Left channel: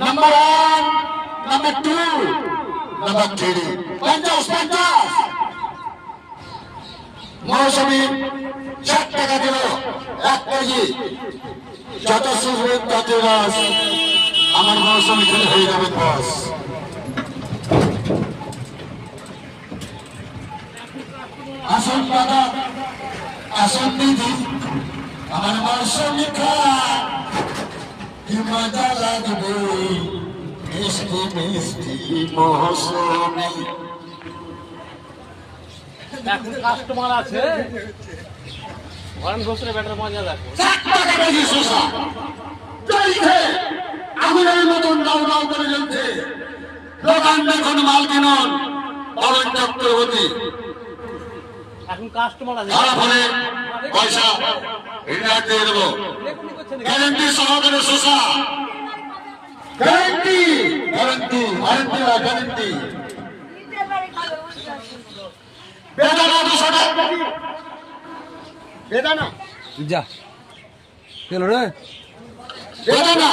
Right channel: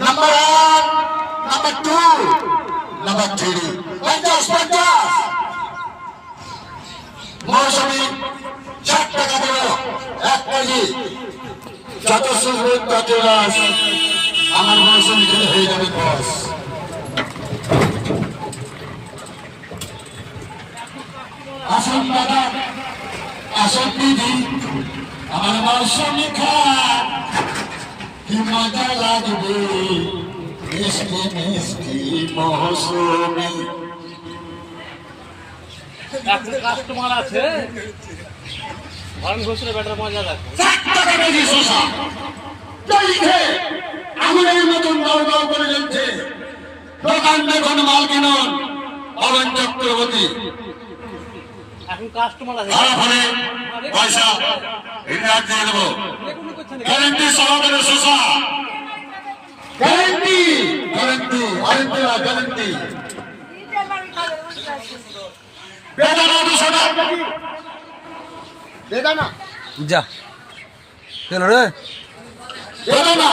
Number 1, number 2, number 3, 50 মৌসুমি 60 টাকা দেব 1 KG. যত সুযোগ তত রাস, আমার মৌসুমি খেলে হয়ে যাবে বস। আসল দাদা, আসল দিদি, আমার মৌসুমি খা কি মজা লাগবে, মিষ্টি মিষ্টি মৌসুমি। এখন কাস্টমার আছে ভরণ ঘোষের ব্যাটার মজা দেখো। 60 টাকা কেজি শসা আগুনের মতন দাও দাও করে জ্বলছে। দোকান দেখুন, মাল কিনুন। পবন চক্রবর্তী এখন কাস্টমার আছে ফলে পয়সা রিটার্ন দিয়ে দেবো। গ্যারেন্টি সহকারে শসা, গ্যারেন্টি গ্যারেন্টি ওয়ারেন্টি গ্যারেন্টি। বেদানা 200 টাকা বেদানা যা চলো রে বেদানা